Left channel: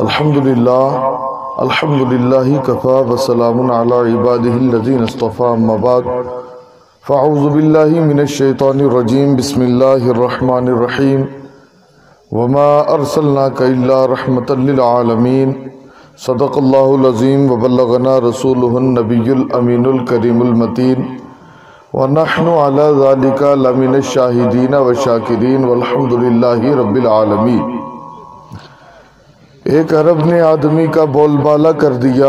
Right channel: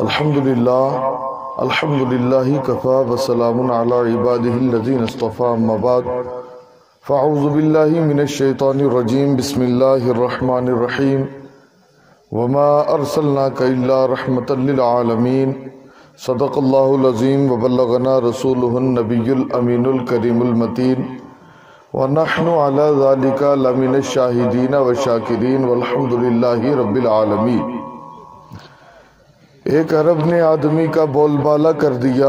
الحمدللہ کفا وسلام علی عبادہ الذین اصطفیٰ اما بعد فاعوذ باللہ من الشیطان الرجیم بسم اللہ الرحمن الرحیم وما ارسلناک الا رحمتا للعالمین صدق اللہ العظیم وبلغنا رسولہ النبی الامین الکریم المتین ونحن علی ذالک لمن الشاہدین والشاکرین والحمدللہ رب العالمین۔ ایک عرب نے آدمی کا بول بالا کر دیا،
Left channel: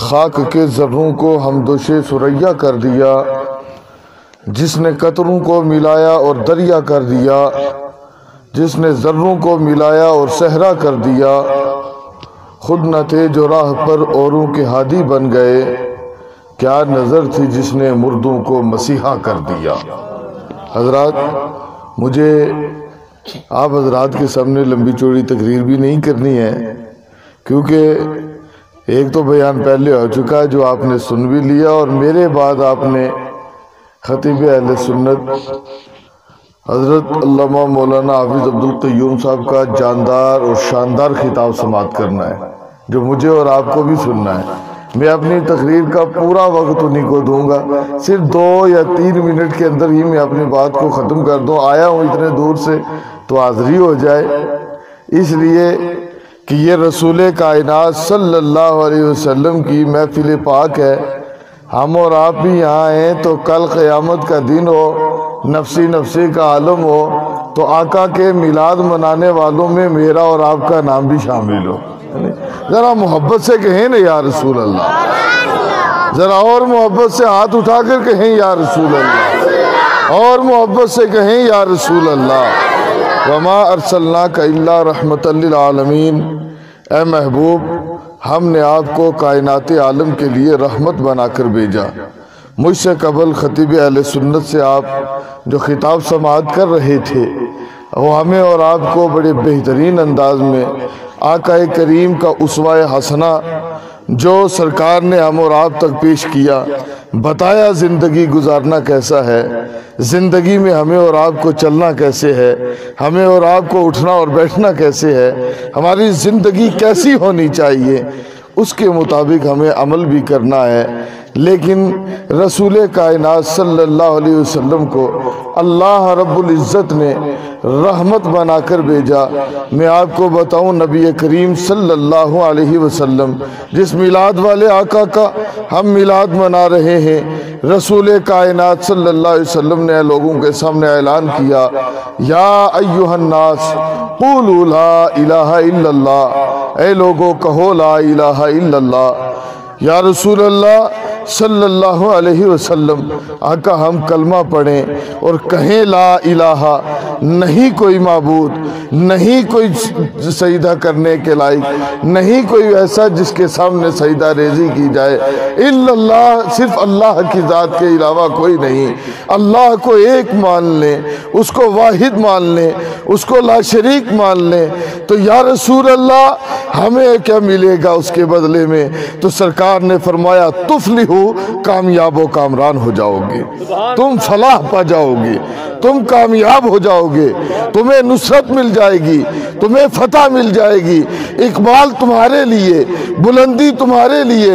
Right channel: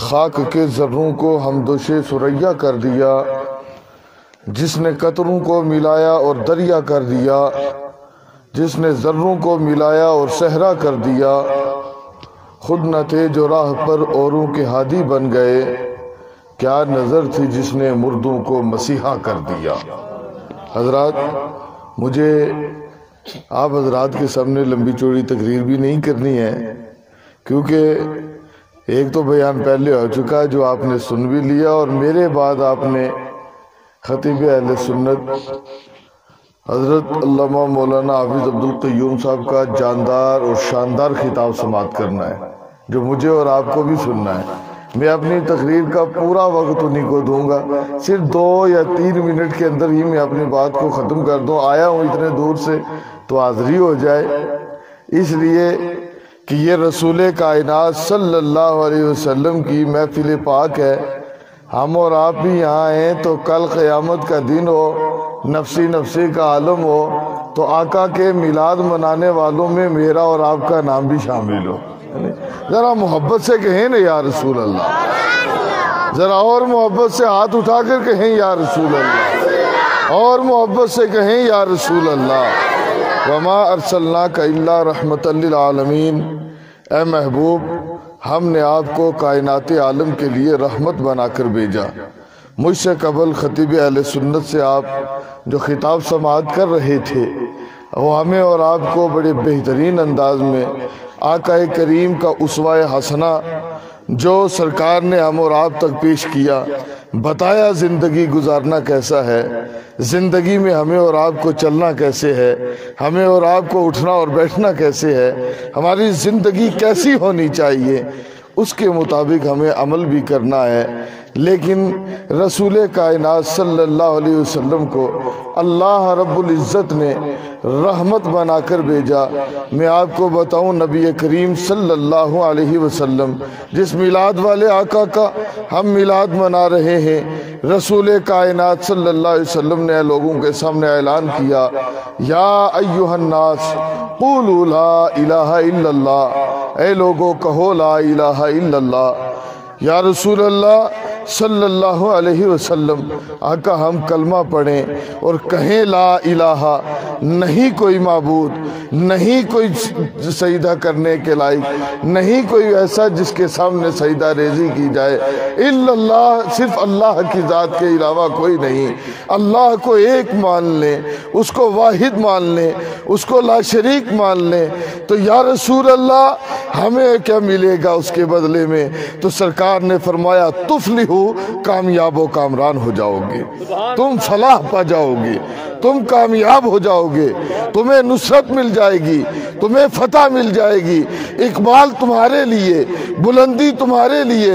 خاک کے ذروں کو ہمدوش ثریا کر دیا، جس نے قطروں کو ملایا اور دریا کر دیا، جس نے ذروں کو ملایا اور صحرا کر دیا، خود نہ تھے جو راہ پر اوروں کے ہادی بن گئے، کیا نظر تھی جس نے مردوں کو مسیحا کر دیا۔ حضرات، مجھے آپ حضرات کے سامنے لمبی چوڑی تقریر بھی نہیں کرنی ہے، کیونکہ ایک تو بیان پہلے ہو چکا ہے جو آپ نے سن بھی لیا، اور میرے بعد آپ نے خطیب اہل سنت حضرت علامہ مولانا حافظ عبدالقیوم صاحب کا جاندار اور شاندار خطاب سماعت کرنا ہے، جو مجھے اور آپ کو بھی سننا ہے۔ میں اپنی تقریر کا پورا وقت انہیں کو دوں گا، صرف 2 یا 3 منٹ کے اندر ہی میں اپنی بات کو ختم کر دوں۔ آیا ہوں اتنے دور سے تو حاضری ہو جائے، اس لیے کہ یہ رسول کائنات صلی اللہ علیہ وسلم کی محفل پاک ہے۔ ہم اور آپ بھی یہاں ہیں تو کل قیامت کا دن ہو، نفسی نفسی کا عالم ہو، تو آقا کے میلاد منانے والوں میں میرا اور آپ کا نام بھی شامل ہو۔ ذرا محبت سے کہیں نا یا رسول اللہ، ذرا اور محبت سے ہاتھ اٹھا کر کہیں یا رسول اللہ، اور محبت سے کہیں یا رسول اللہ۔ وما ارسلناک الا رحمتا للعالمین، اے محبوب، ہم نے آپ کو کائنات عالم کے لیے رحمت بنا کر بھیجا۔ مجھ سے قبل خطیب اہل سنت سے آپ جو خطاب سماعت کر رہے تھے، وہ ہمیں اور آپ کو بڑے بہترین انداز میں آقا کریم کا اسوہ حسنہ جو سرکار نے ہم اور آپ تک پیش کیا، بتایا زندگی گزارنا کیسا ہے، زندگی میں ہمیں اور آپ کو چلنا کیسے ہے، ہمیں اور آپ کو اٹھنا اور بیٹھنا کیسے ہے، ہماری زندگی کیسی ہونی چاہیے، اس کے مطابق ہمیں عمل بھی کرنا ہے۔ لیکن رسول کائنات صلی اللہ علیہ وسلم کو اللہ رب العزت نے رحمت بنا کر بھیجا۔ میں آپ کو بتاؤں، نبی کریم صلی اللہ علیہ وسلم جس میلاد والے آقا کا ہم میلاد منا رہے ہیں، رسول کائنات صلی اللہ علیہ وسلم نے لوگوں کے سامنے اعلان کیا، یا ایھا الناس قولوا لا الہ الا اللہ، اے لوگوں کہو لا الہ الا اللہ۔ یا رسول اللہ صلی اللہ علیہ وسلم، آقا ہم کلمہ پڑھیں اور کہیں لا الہ، نہیں کوئی معبود، نہیں کوئی سجدہ کرنے کے لائق، نہیں کوئی ایسا جس کے سامنے سجدہ ریزی کی جائے، الا اللہ، صرف اللہ کی ذات کے علاوہ کوئی نہیں۔ اللہ کو ایک مان لیں، اس کو واحد مان لیں، اس کو لا شریک مان لیں، تو یا رسول اللہ ہمیں کیا ملے گا اس کے بدلے میں؟ تو سرکار نے فرمایا، تفلحو، کامیاب و کامران ہو جاؤ گے، تم فلاح پا جاؤ گے، تم کامیاب ہو جاؤ گے، تمہیں نصرت مل جائے گی، تمہیں فتح مل جائے گی، اقبال تمہارے لیے، بلندی تمہارے لیے،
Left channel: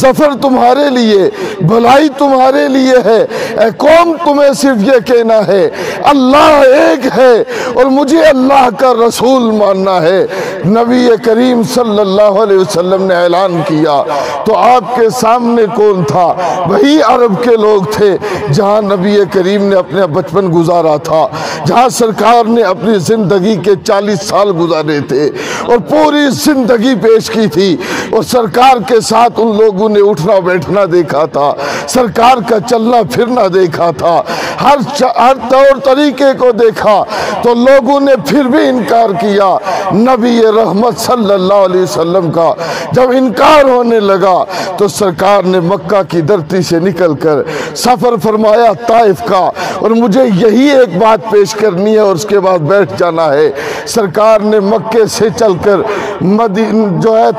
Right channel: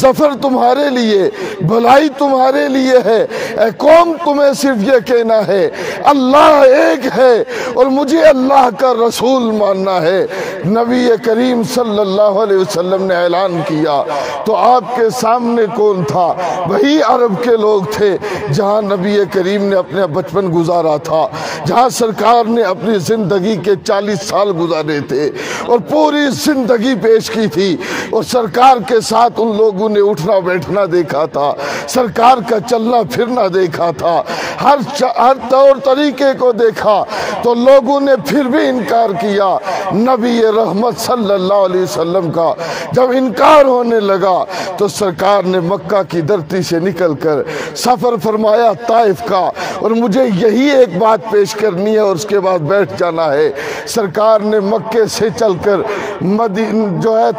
ظفر تمہارے لیے، بھلائی تمہارے لیے ہے۔ اے قوم، تمہیں صرف یہ کہنا ہے اللہ ایک ہے اور مجھے اللہ کا رسول ماننا ہے۔ نبی کریم صلی اللہ علیہ وسلم نے اعلان کیا تو آپ کے سامنے کون تھا؟ وہی عرب کے لوگ تھے جہاں نبی کریم نے اپنا بچپن گزارا تھا، جہاں سرکار نے اپنی زندگی کے 40 سال گزارے تھے اور پوری زندگی پیش کی تھی، اور سرکار کے ساتھ ان لوگوں نے اٹھنا بیٹھنا دیکھا تھا، سرکار کا چلنا پھرنا دیکھا تھا، ہر طور طریقے کو دیکھا، تو لوگوں نے پھر بھی انکار کیا۔ نبی رحمت صلی اللہ علیہ وسلم کا جب انکار ہونے لگا تو سرکار نے مکہ مکہ کی دھرتی سے نکل کر سفر فرمایا طائف کا، اور مجھے یہی ایک بات پیش کرنی ہے اور اس کے بعد بیٹھ جانا ہے۔ سرکار نے مکے سے چل کر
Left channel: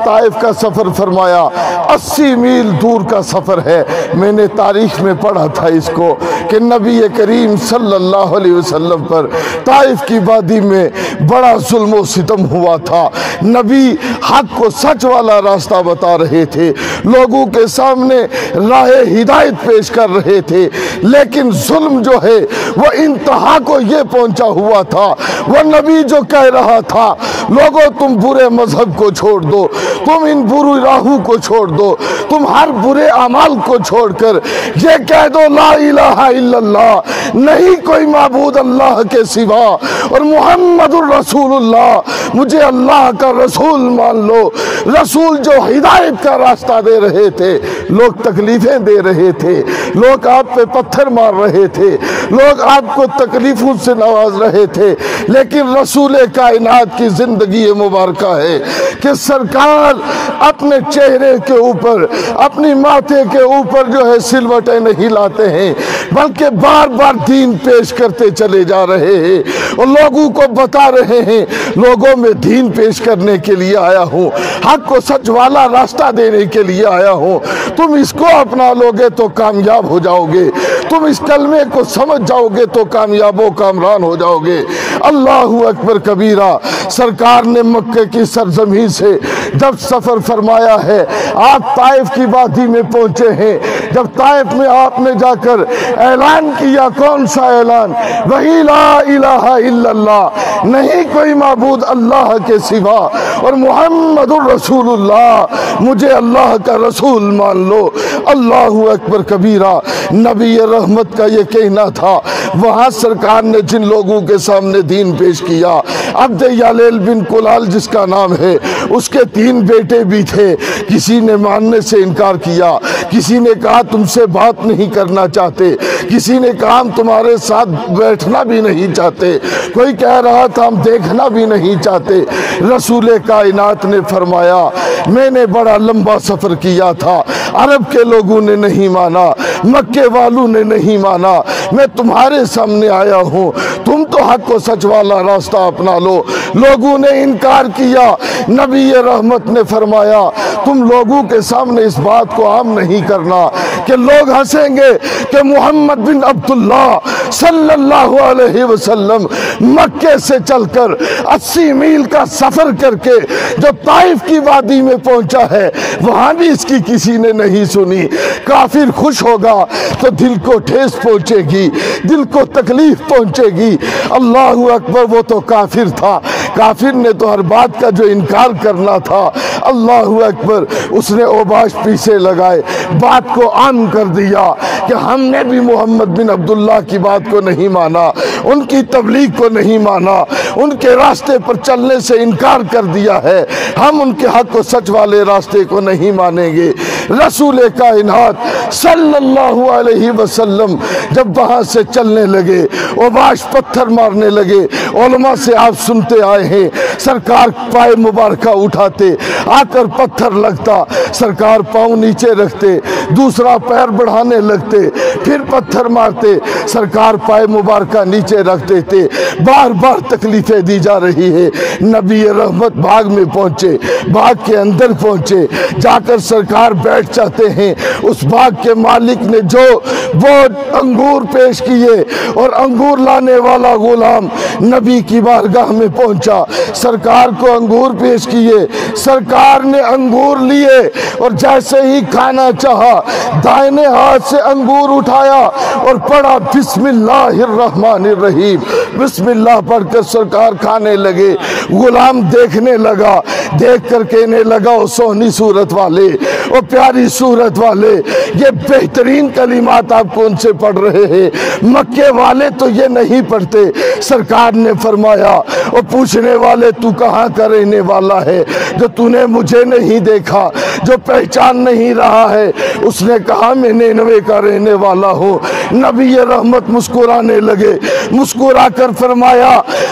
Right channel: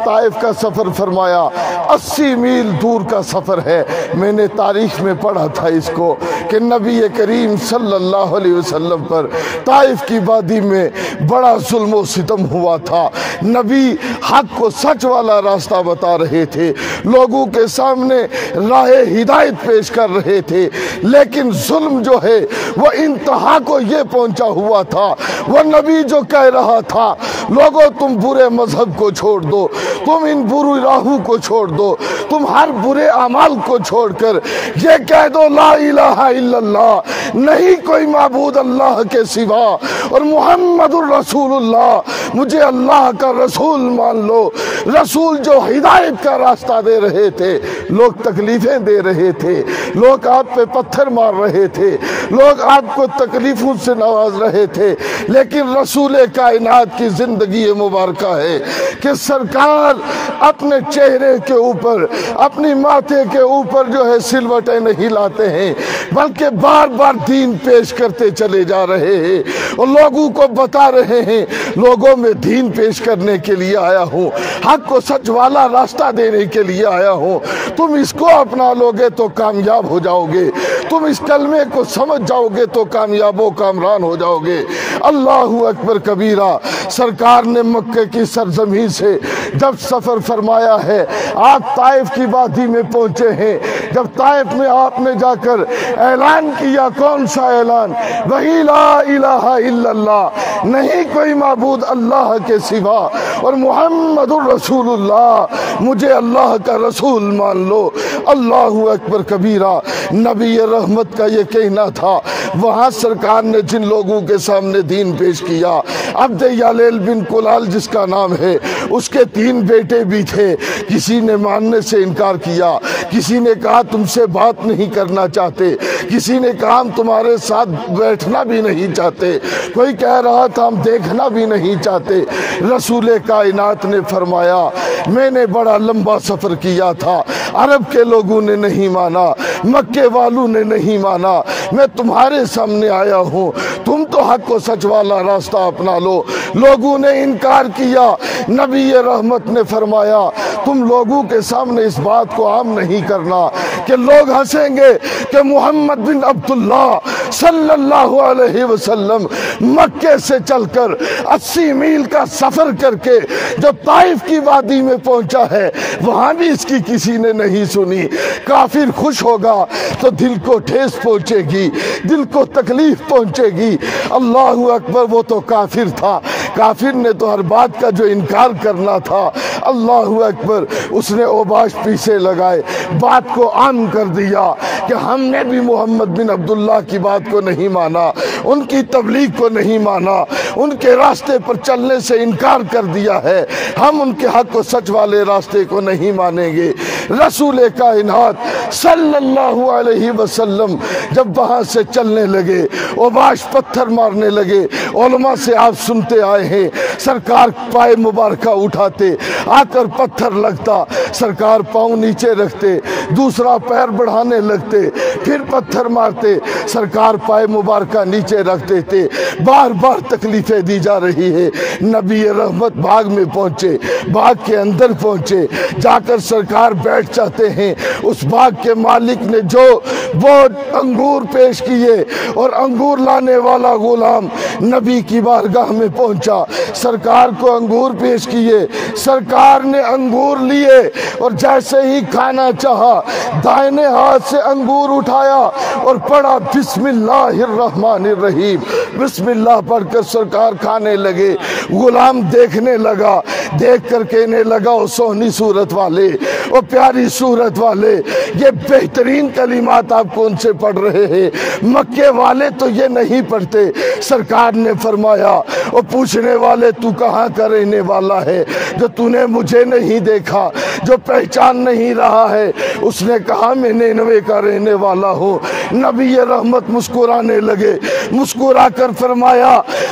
طائف کا سفر فرمایا، 80 میل دور کا سفر ہے۔ میں نے تاریخ میں پڑھا تھا اس کو کہ نبی کریم صلی اللہ علیہ وسلم پر طائف کی وادی میں بڑا ظلم و ستم ہوا تھا۔ نبی حق کو سچ والا راستہ بتا رہے تھے، لوگوں کے سامنے راہ ہدایت پیش کر رہے تھے، لیکن ظلم جو ہے وہ انتہا کو یہ پہنچا ہوا تھا۔ وہ نبی جو کہہ رہا تھا لوگوں تم برے مذہب کو چھوڑ دو، تم ان بری راہوں کو چھوڑ دو، تم ہر برے اعمال کو چھوڑ کر یہ کہہ دو لا الہ الا اللہ، نہیں کوئی معبود اللہ کے سوا، اور محمد الرسول اللہ، مجھے اللہ کا رسول مان لو۔ رسول جو ہدایت کا راستہ دے رہے تھے، لوگ تکلیفیں دے رہے تھے، لوگ آپ پہ پتھر مار رہے تھے، لوگ آپ کو تکلیفوں سے نواز رہے تھے، لیکن رسول کائنات کی زندگی مبارکہ ہے کہ سرکار اپنے چہرے کے اوپر، اپنی ماتھے کے اوپر جو ہے سلوٹیں نہیں لاتے ہیں، بلکہ بار بار دین پیش کرتے چلے جا رہے ہیں اور لوگوں کو بتا رہے ہیں لوگوں میں دین پیش کرنے کے لیے آیا ہوں، حق کو سچ والا راستہ دینے کے لیے آیا ہوں، تم اس کو اپنا لوگے تو کامیاب ہو جاؤ گے، تم اس کلمے کو سمجھ جاؤ گے تو کامیاب و کامران ہو جاؤ گے۔ اللہ اکبر کبیرہ۔ سرکار نے مکہ کی سرزمین سے جب سفر فرمایا ہے، آپ طائف کی وادی میں پہنچے ہیں۔ جب طائف میں آپ نے جا کر اعلان کیا، کون سا اعلان؟ وہی لا الہ الا اللہ، نہیں کوئی معبود اللہ کے سوا، اور محمد الرسول اللہ، مجھے اللہ کا رسول مان لو۔ اللہ اکبر کبیرہ۔ نبی رحمت کا یہ کہنا تھا۔ وہاں سرکار نے جن لوگوں کے سامنے دین پیش کیا، عبد یالیل بن کلال جس کا نام ہے، اس کے 3 بیٹے بھی تھے۔ کسی نے ماننے سے انکار کیا، کسی نے کہا تم سے بات نہیں کرنا چاہتے، کسی نے کہا ہم تمہارے ساتھ بیٹھنا بھی نہیں چاہتے، کوئی کہہ رہا تھا ہم دیکھنا بھی نہیں چاہتے۔ رسول کائنات نے فرمایا میں نے بڑا لمبا سفر کیا تھا، عرب کے لوگوں نے نہیں مانا، مکے والوں نے نہیں مانا، میں تمہارے سامنے آیا ہوں، تم تو حق و سچ والا راستہ اپنا لو۔ لوگوں نے انکار کیا، نبی رحمت نے فرمایا تم لوگوں کے سامنے اس بات کو عام نہیں کرنا کہ لوگ ہنسیں گے کہ محمد بن عبداللہ صلی اللہ علیہ وسلم مکے سے چل کر 80 میل کا سفر کر کے جو طائف کی وادی میں پہنچا ہے، وہاں بھی اس کی کسی نے نہیں سنی۔ کافر خوش ہوگا تو دل کو ٹھیس پہنچے گی، دل کو تکلیف پہنچے گی۔ اللہ اکبر، وہ تو کافر تھا، کافر نے تو ہر بات کا جو انکار کرنا تھا۔ اللہ اکبر، اس نے اوباش پیچھے لگائے، بات کو عام کر دیا کہ ہم نے بھی محمد بن عبداللہ کی بات کو نہیں مانا، ان کی تبلیغ کو نہیں مانا، ان کے راستے پر چلنے سے انکار کر دیا ہے، ہم ان کے حق و سچ والے راستے کو نہیں مانیں گے۔ رسول کائنات صلی اللہ علیہ وسلم جب وہاں سے چلنے لگے، اوباش پتھر مارنے لگے۔ علماء سے آپ سنتے آئے ہیں، سرکار پائے مبارکہ اٹھاتے، آ کر پتھر لگتا، سرکار پاؤں نیچے رکھتے، دوسرا پیر بڑھانے لگتے، پھر پتھر مارتے، سرکار پائے مبارکہ نیچے رکھ دیتے۔ بار بار تکلیفیں دی جا رہی ہے۔ نبی رحمت باغ میں پہنچے، باغ کے اندر پہنچے، جا کر سرکار بیٹھ جاتے ہیں۔ اس باغ کے مالک نے جو وہ انگور پیش کیے، اور انگور لانے والا غلام نبی کی بارگاہ میں پہنچا، سرکار کو انگور پیش کیے، سرکار نے انگور لیے اور جیسے ہی کھانا چاہا، دائنے ہاتھ سے انگور اٹھایا اور پڑھا بسم اللہ الرحمن الرحیم، بسم اللہ پڑھ کر سرکار کھانے لگے۔ غلام دیکھنے لگا، دیکھ کر کہنے لگا او سونی صورت والے، او پیاری صورت والے، یہ بہترین کلمات آپ کون سے پڑھ رہے ہیں؟ مکے والے تو یہ نہیں پڑھتے۔ سرکار نے فرمایا اور پوچھنے والے تو کہاں کا رہنے والا ہے جو تو نے مجھے نہیں دیکھا، جو پہچان نہیں رہا ہے؟ اس نے کہا میں نینوے کا رہنے والا ہوں۔ نبی رحمت رحمت مسکرانے لگے، مسکرا کر فرمایا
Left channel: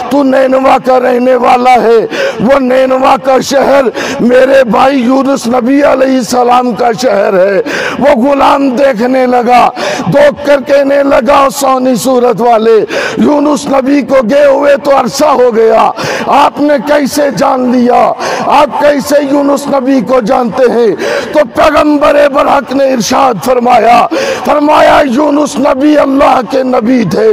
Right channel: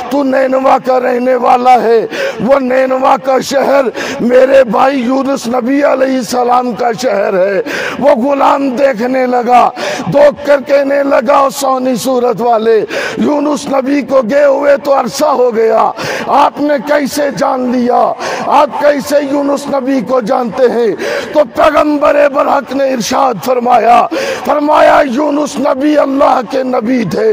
تو نینوا کا رہنے والا ہے، وہ نینوا کا شہر میرے بھائی یونس نبی علیہ السلام کا شہر ہے۔ وہ غلام دیکھنے لگا، دوک کر کہنے لگا سونی صورت والے، یونس نبی کو گئے ہوئے تو عرصہ ہو گیا، آپ نے کیسے جان لیا؟ آپ کیسے یونس نبی کو جانتے ہیں؟ تو پیغمبر برحق نے ارشاد فرمایا یونس نبی اللہ کے نبی تھے،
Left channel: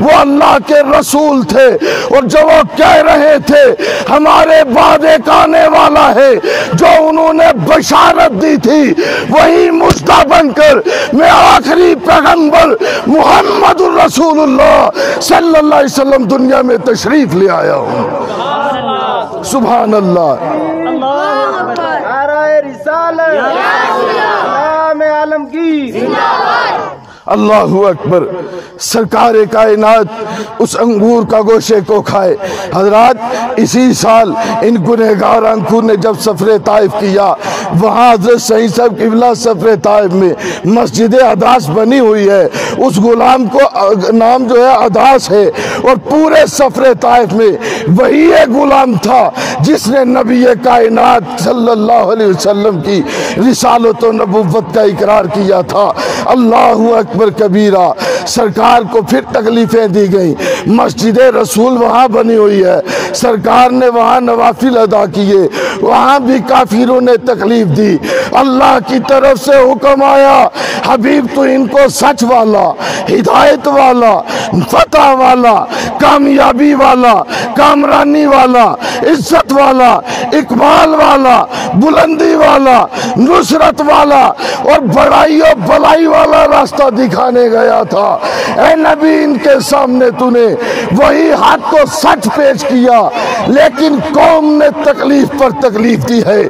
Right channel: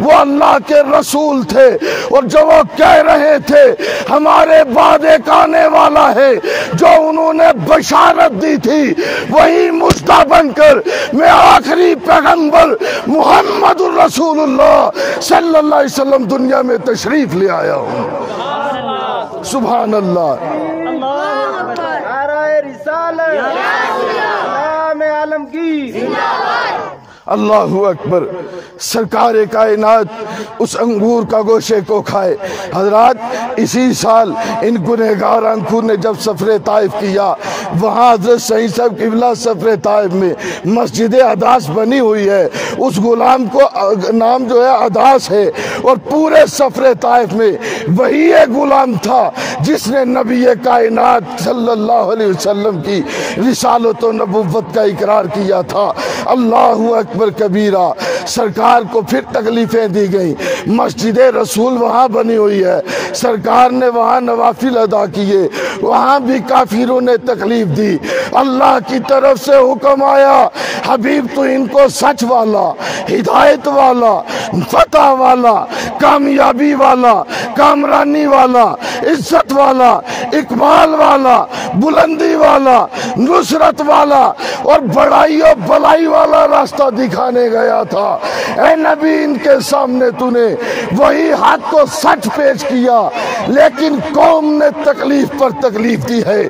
وہ اللہ کے رسول تھے، اور جو وہ کہہ رہے تھے ہمارے بعد ایک آنے والا ہے، جو انہوں نے بشارت دی تھی وہی مجدہ بن کر میں آخری پیغمبر محمد الرسول اللہ صلی اللہ علیہ وسلم دنیا میں تشریف لے آیا ہوں۔ سبحان اللہ، اللہ اکبر۔ سرکار کائنات اس انگور کا گوشے کو کھائے۔ حضرات اسی سال ان گنہگار انکھوں نے جب سفر طائف کیا، وہاں حضرت صحیح صاحب قبلہ سفر طائف میں مسجد اداس بنی ہوئی ہے، اس غلام کو نام جو ہے اداس ہے، اور پورے سفر طائف میں وہی ایک غلام تھا جس نے نبی کائنات صلی اللہ علیہ وسلم کی رسالت و نبوت کا اقرار کیا تھا۔ اللہ اکبر کبیرہ۔ سرکار کو پھر تکلیفیں دی گئیں، مسجد رسول وہاں بنی ہوئی ہے، سرکار نے وہاں نوافل ادا کیے، وہاں بھی کافروں نے تکلیف دی۔ اللہ کی طرف سے حکم آیا حبیب تو ان کو سچ والا، ہدایت والا، فتح والا، کامیابی والا، کامرانی والا، عزت والا، اکمال والا، بلندی والا، نصرت والا اور بڑائی و بلائی والا راستہ دکھانے گیا تھا۔ اے نبی ان کے سامنے تو نے وہی حق کو سچ پیش کیا، لیکن قوم نے تکلیف پر تکلیف دی ہے،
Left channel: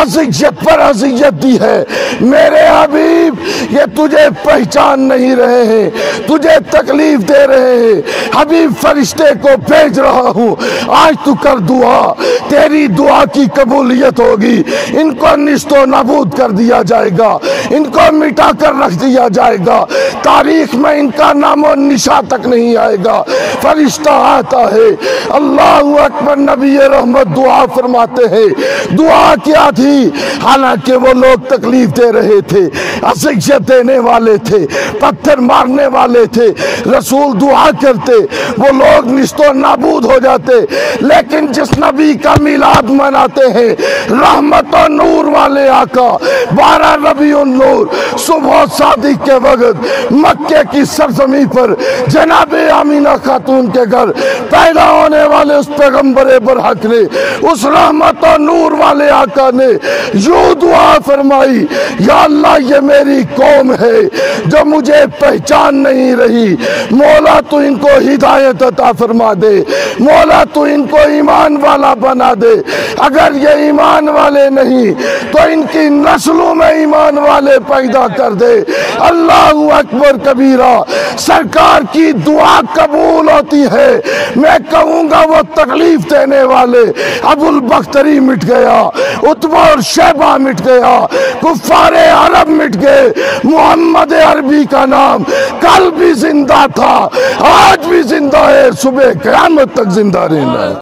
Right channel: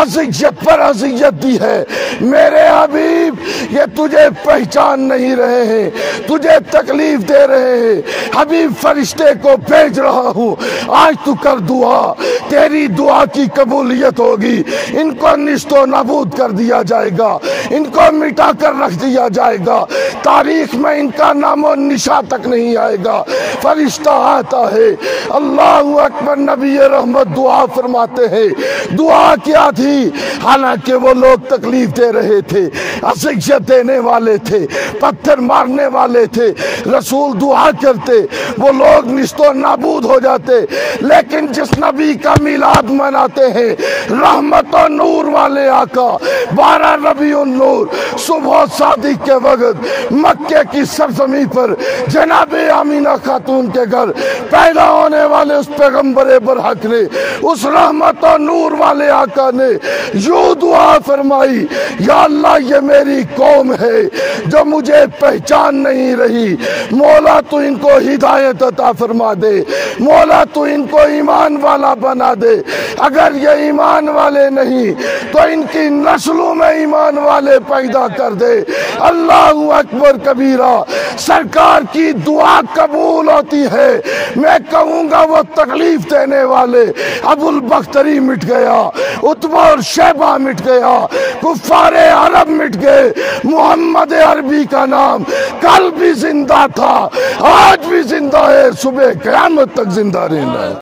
اذیت پر اذیت دی ہے۔ میرے حبیب یہ تجھے پہچان نہیں رہے ہیں، تجھے تکلیف دے رہے ہیں، حبیب فرشتے کو بھیج رہا ہوں، آج تو کر دعا، تیری دعا کی قبولیت ہوگی۔ ان کو نیست و نابود کر دیا جائے گا، ان کو مٹا کر رکھ دیا جائے گا، تاریخ میں ان کا نام و نشان تک نہیں آئے گا۔ فرشتہ آتا ہے، اللہ اکبر، نبی رحمت دعا فرماتے ہیں۔ دعا کیا تھی؟ حالانکہ وہ لوگ تکلیف دے رہے تھے، اذیت دینے والے تھے، پتھر مارنے والے تھے، رسول دعا کرتے وہ لوگ نیست و نابود ہو جاتے، لیکن جس نبی کا میلاد مناتے ہیں، رحمت و نور والے آقا، 12 ربیع النور صبح صادق کے وقت مکے کی سرزمین پر جناب آمینہ خاتون کے گھر پیدا ہونے والے اس پیغمبر برحق نے، اس رحمت و نور والے آقا نے یوں دعا فرمائی، یا اللہ یہ میری قوم ہے جو مجھے پہچان نہیں رہی، مولا تو ان کو ہدایت عطا فرما دے، مولا تو ان کو ایمان والا بنا دے، اگر یہ ایمان والے نہیں تو ان کی نسلوں میں ایمان والے پیدا کر دے۔ اللہ اکبر کبیرہ۔ سرکار کی دعا قبول ہوتی ہے۔ میں کہوں گا وہ تکلیف دینے والے ابو البختری مٹ گیا، عتبہ اور شیبہ مٹ گیا، کفار عرب مٹ گئے، محمد عربی کا نام کل بھی زندہ تھا، آج بھی زندہ ہے، صبح قیامت تک زندہ رہنا ہے۔